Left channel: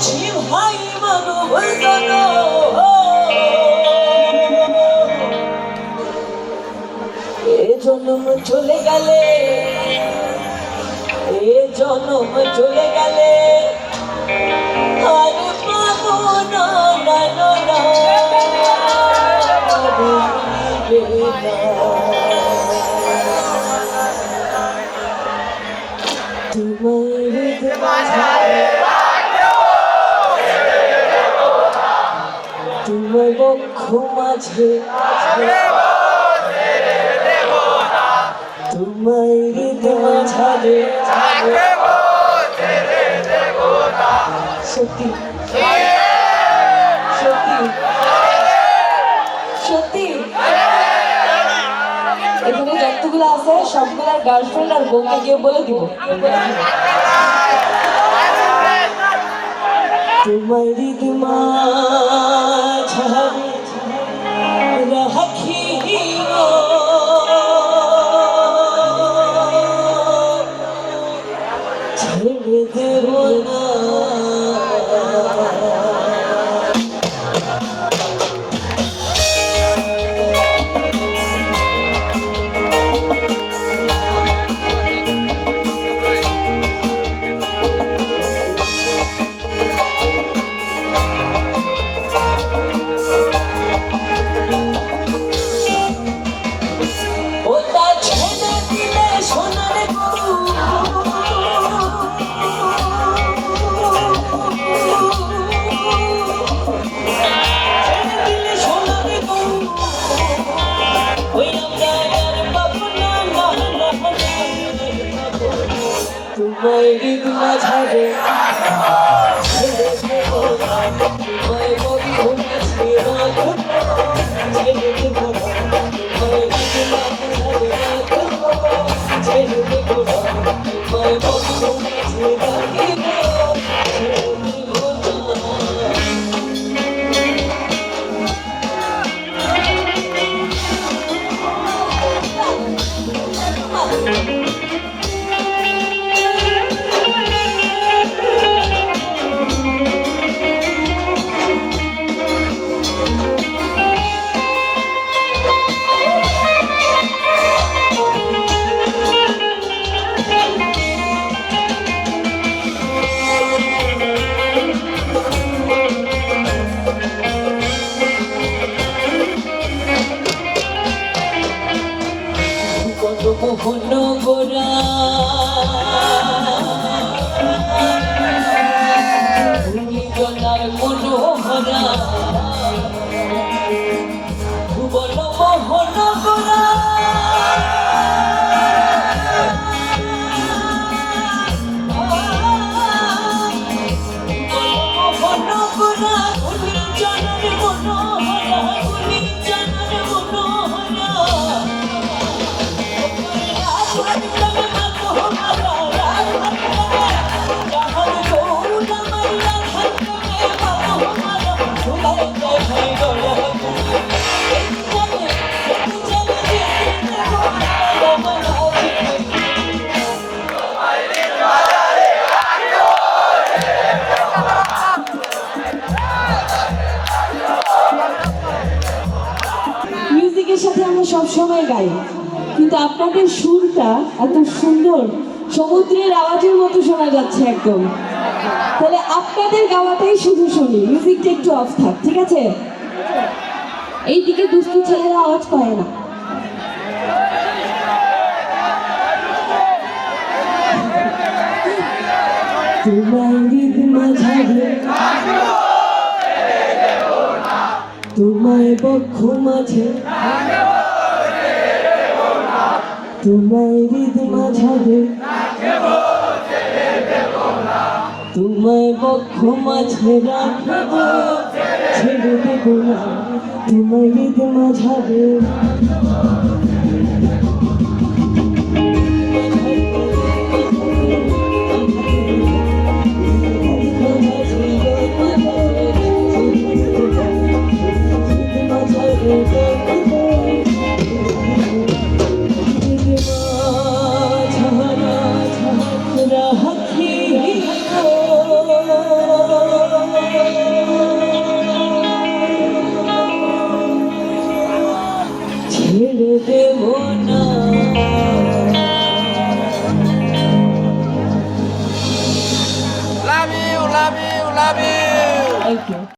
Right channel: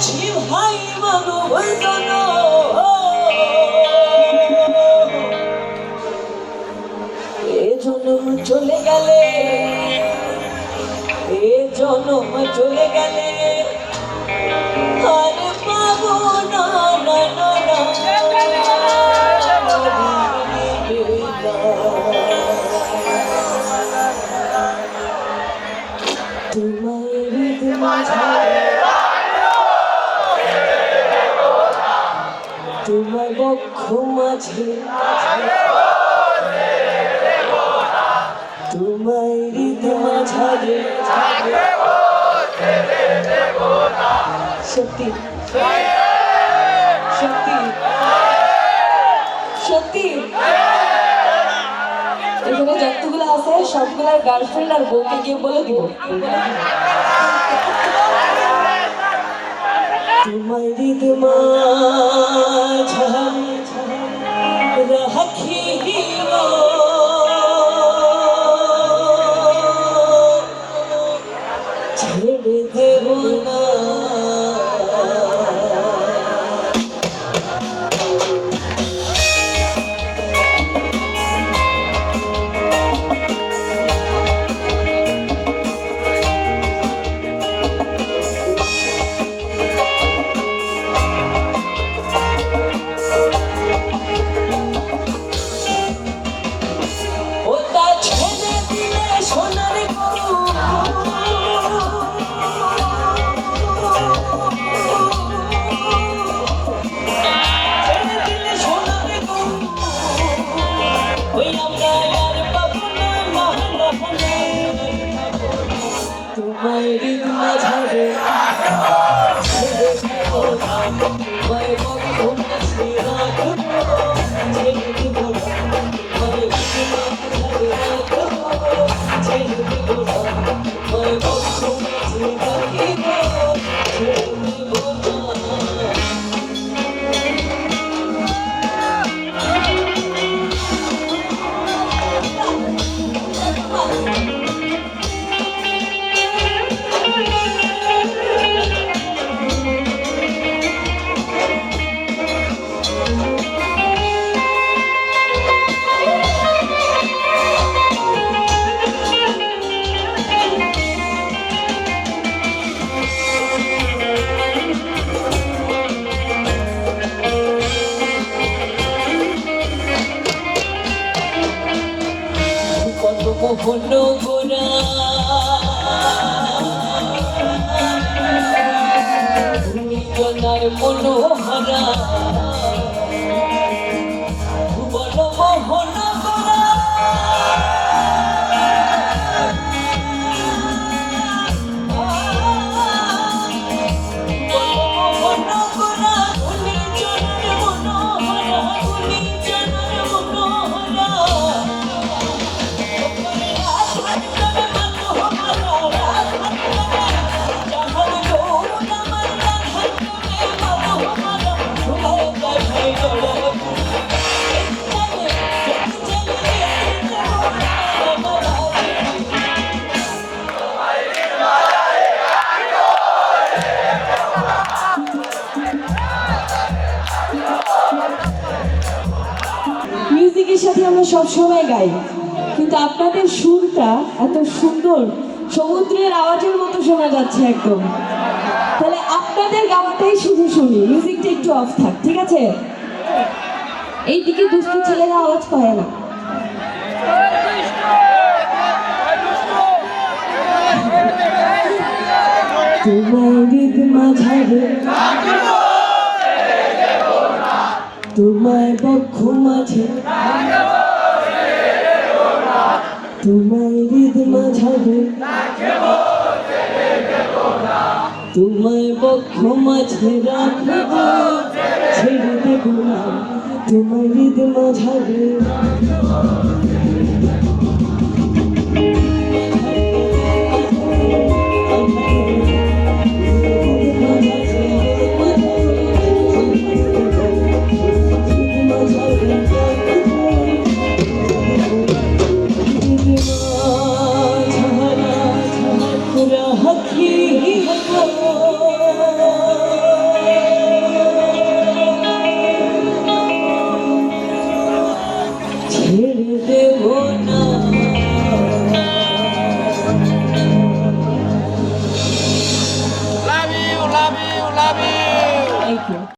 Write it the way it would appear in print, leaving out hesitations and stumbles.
ভাই বলো এ জন্ম চলে গেলে এ জন্ম চলে গেলে আর পাবো না তোমার বক্ষ মাঝে তোমায় হৃদয় মাঝে সত্যি সত্যি সত্যি এখানে যতগুলো আছে সবগুলো গার্লফ্রেন্ড আর বউকে গিয়ে বলে দিব তোমায় হৃদয় মাঝে রাখিও ছেড়ে দেব না তোমায় হৃদয় মাঝে ছেড়ে দেব না তোমায় বক্ষ মাঝে রাখবো ছেড়ে দেব না তোমায় হৃদয় মাঝে রাখবো ছেড়ে দেব না তোমায় বক্ষ মাঝে রাখবো ছেড়ে দেব না মোহন গোরা জনার মনোহরা ভুবন মোহন গোরা মোহন গোরা উনি জনার মনোহরা উনি জনার মনোহরা মিউজিকের সাথে আমরা সব সময় গাই, কিন্তু আপনাদের সুরটা এত সুন্দর, সমুদ্রের আওয়াজের মতো শোনা যাচ্ছে একদম। তাহলে আপনাদের গাওয়াটাই শুধু শুনি, মিউজিকটা একটু অফ থাক, ঠিক আছে? এইদিকে দুষ্টু ছেলেরা আওয়াজ করে না। তোমায় হৃদয় মাঝে তোমায় বক্ষ মাঝে তোমায় হৃদয় মাঝে তোমায় বক্ষ মাঝে রাখবো ছেড়ে দেব না তোমায় হৃদয় মাঝে Love you, love you, love you. Thank you.